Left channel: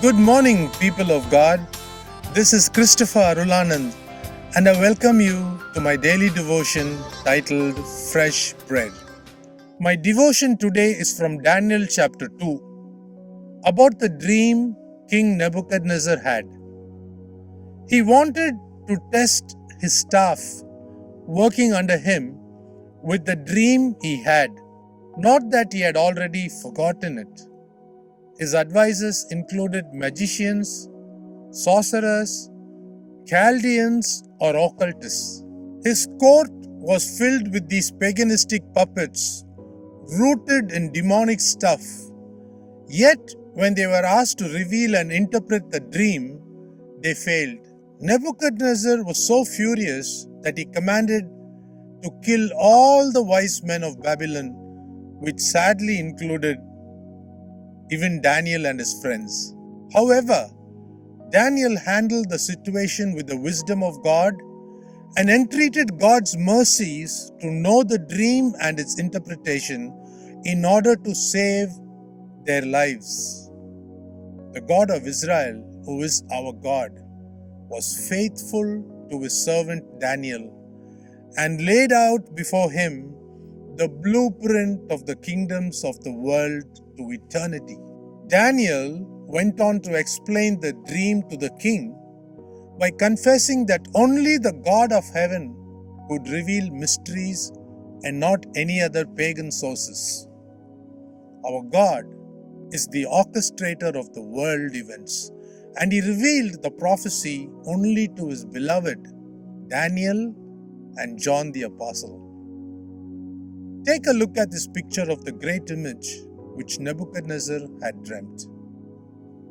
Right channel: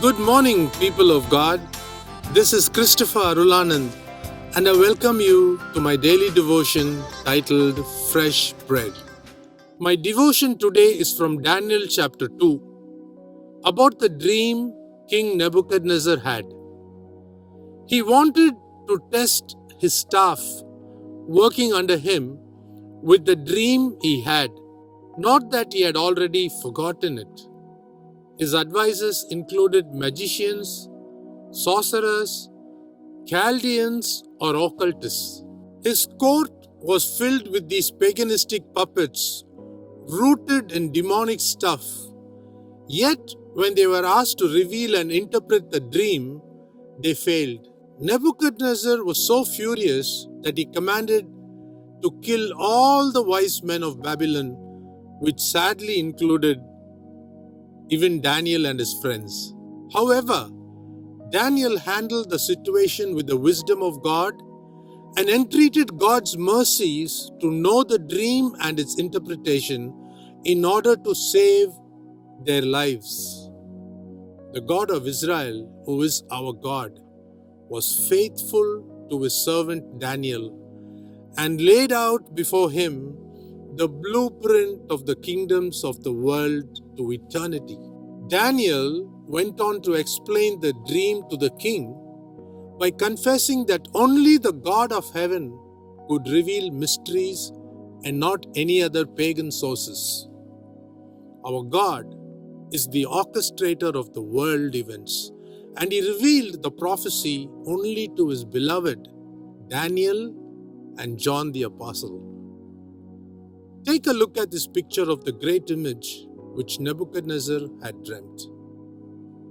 Good morning, people of God. This is Christopher Arulanand, and I welcome you to my daily devotion titled Fresh Bread. My devotion today is from Daniel chapter 2, about the dream King Nebuchadnezzar had. He wanted to test his staff working under him with the dream he had, not that he had already forgotten it. His advisors included magicians, sorcerers, Chaldeans, or occultists. His court was filled with these paganistic puppets rooted in demonic stuff. Yet, when they were asked to reveal and interpret the dream, they failed. Nebuchadnezzar was so furious that he commanded to kill all the wise men of Babylon, which sadly included even Daniel and his friends. However, Daniel handled the situation with the wisdom of God and entreated God's mercies to know the dream and its interpretation in order to save their lives. The God of Israel, who is our God, was faithful to his servant Daniel and laid out before him the blueprint of the kingdoms of the world to eternity. Daniel went on to explain the dream to the king by confessing that only the God of heaven could reveal mysteries and not any other pagan sources. Our God is the orchestrator of the world events, and he revealed the prophecy only to his beloved Daniel and John the Apostle. Take a look at this picture of the great image which Nebuchadnezzar had dreamt.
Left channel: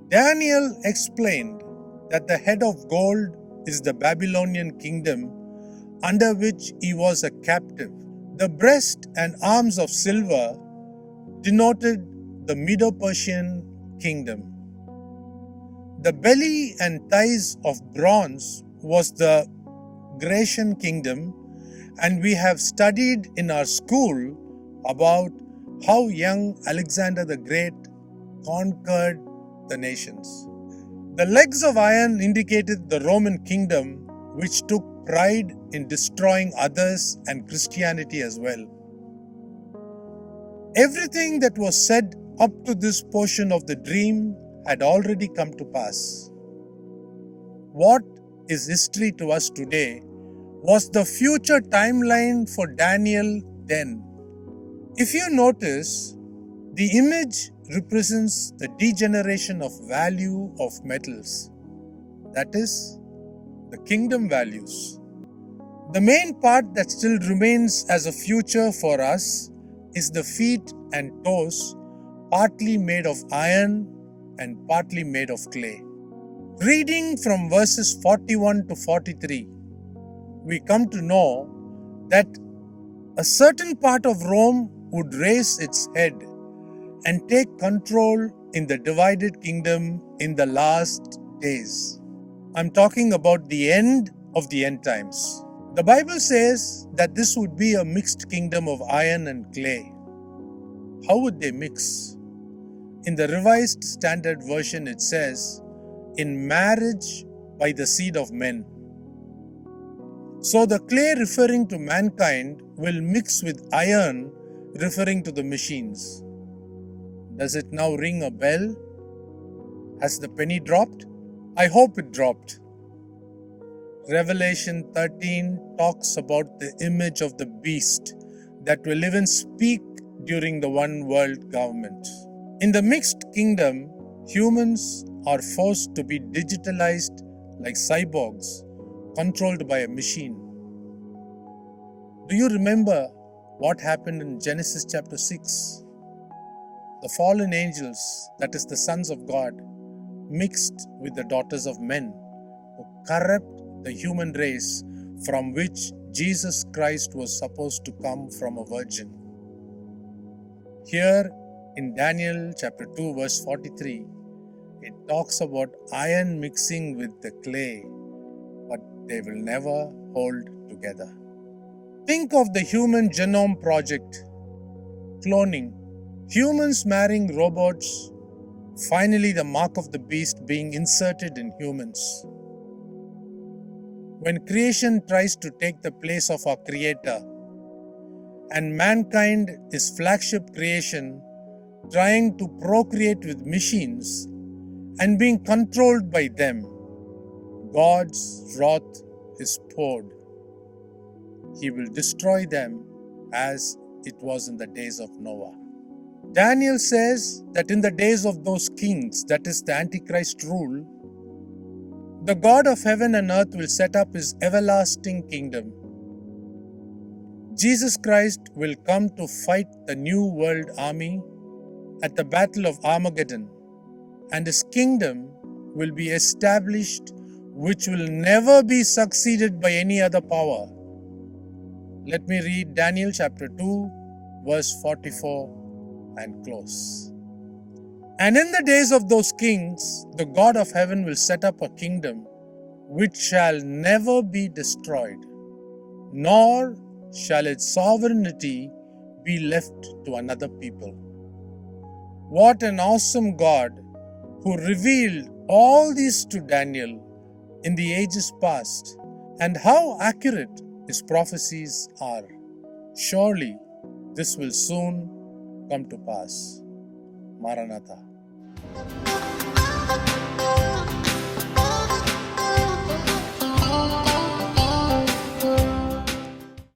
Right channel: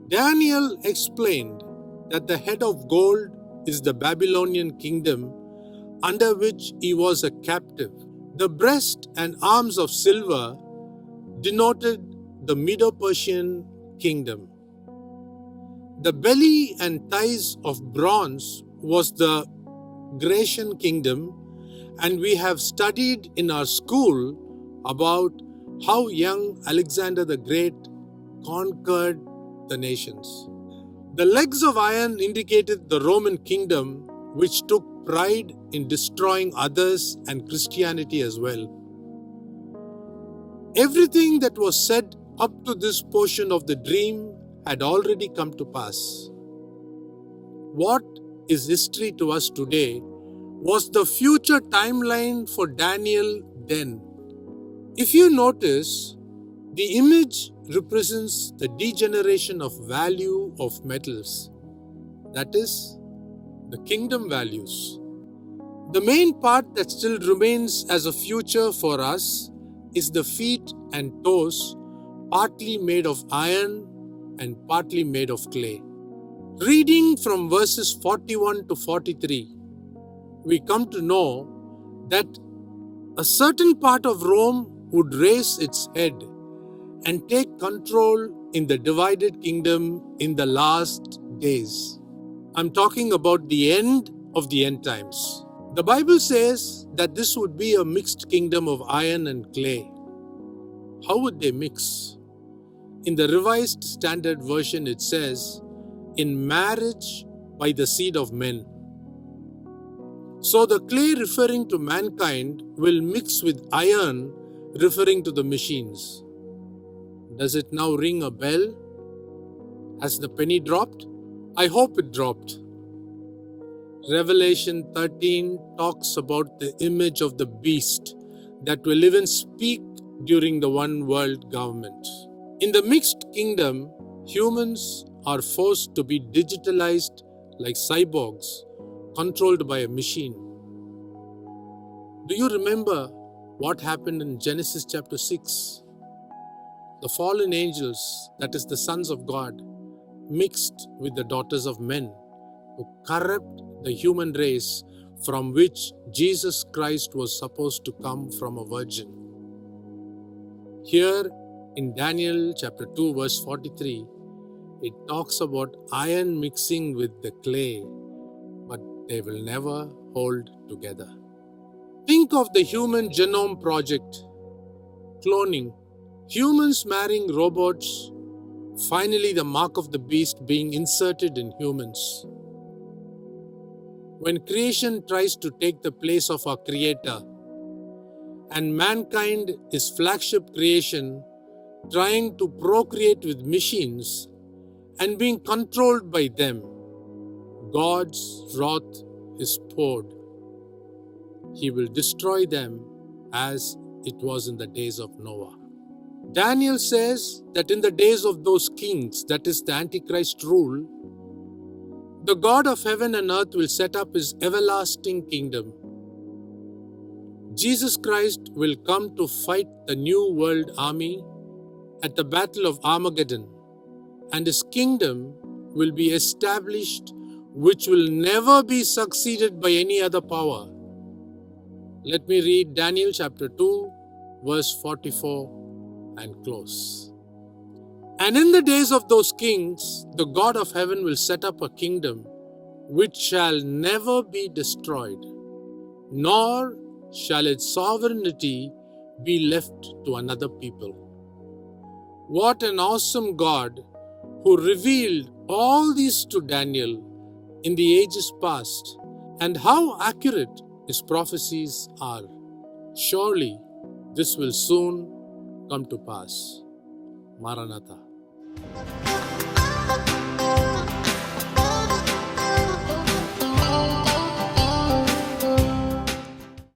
Daniel explained that the head of gold is the Babylonian kingdom under which he was a captive. The breast and arms of silver denoted the Medo-Persian kingdom. The belly and thighs of bronze was the Grecian kingdom, and we have studied in our school about how young Alexander the Great conquered the nations. The legs of iron indicated the Roman kingdom, which took pride in destroying others and Christianity as well. Everything that was said up to this portion of the dream had already come to pass. What is history to us today was the future timeline for Daniel then. If you notice, the image represents the degeneration of value of metals, that is, the kingdom values. The main part that still remains as a future for us is the feet and toes, partly made of iron and partly made of clay. Reading from verses 41 to 43, we come to know that a certain part of Rome would raise its head and take control in the divided kingdom in the last days. I'm talking about the end of the end times. The Bible says that this would be a mixed kingdom of iron and clay. How would they mix? In the Revised Standard Version, it says, in marriage by the seed of men. So the clay referring to mankind will mix with iron referring to the machines. Does it now ring a bell? Has the penny dropped? I hope it dropped. Revelation 13 talks about the image of the beast that will even speak during the one world government. In the mixed kingdom, humans are forced to be digitalized like cyborgs, controlled by a machine. Do you remember what happened in Genesis chapter 6? The fallen angels, that is the sons of God, mixed with the daughters of men to corrupt the human race from which Jesus Christ was supposed to come from a virgin. Here in Daniel chapter 2 verse 43, it talks about iron mixing with the clay, but they will never hold together. Think of the Human Genome Project, cloning, humans marrying robots, finally the mark of the beast being inserted in humans. When creation tries to take the place of our Creator, and mankind is flagship creation trying to procreate with machines and being controlled by them, God's wrath is poured. He will destroy them as it was in the days of Noah. Daniel says that in the days of those kings, that is the Antichrist rule, the God of heaven and earth will set up his everlasting kingdom. Jesus Christ will come to fight the new world army at the Battle of Armageddon, and his kingdom will be established, which will never be succeeded by any other power. Let me read Daniel chapter 2, verse 44 and close. And in the days of those kings, the God of heaven will set up a kingdom which shall never be destroyed, nor shall its sovereignty be left to another people. What an awesome God who revealed all this to Daniel in the ages past, and how accurate his prophecies are. Surely this will soon come to pass. Maranatha.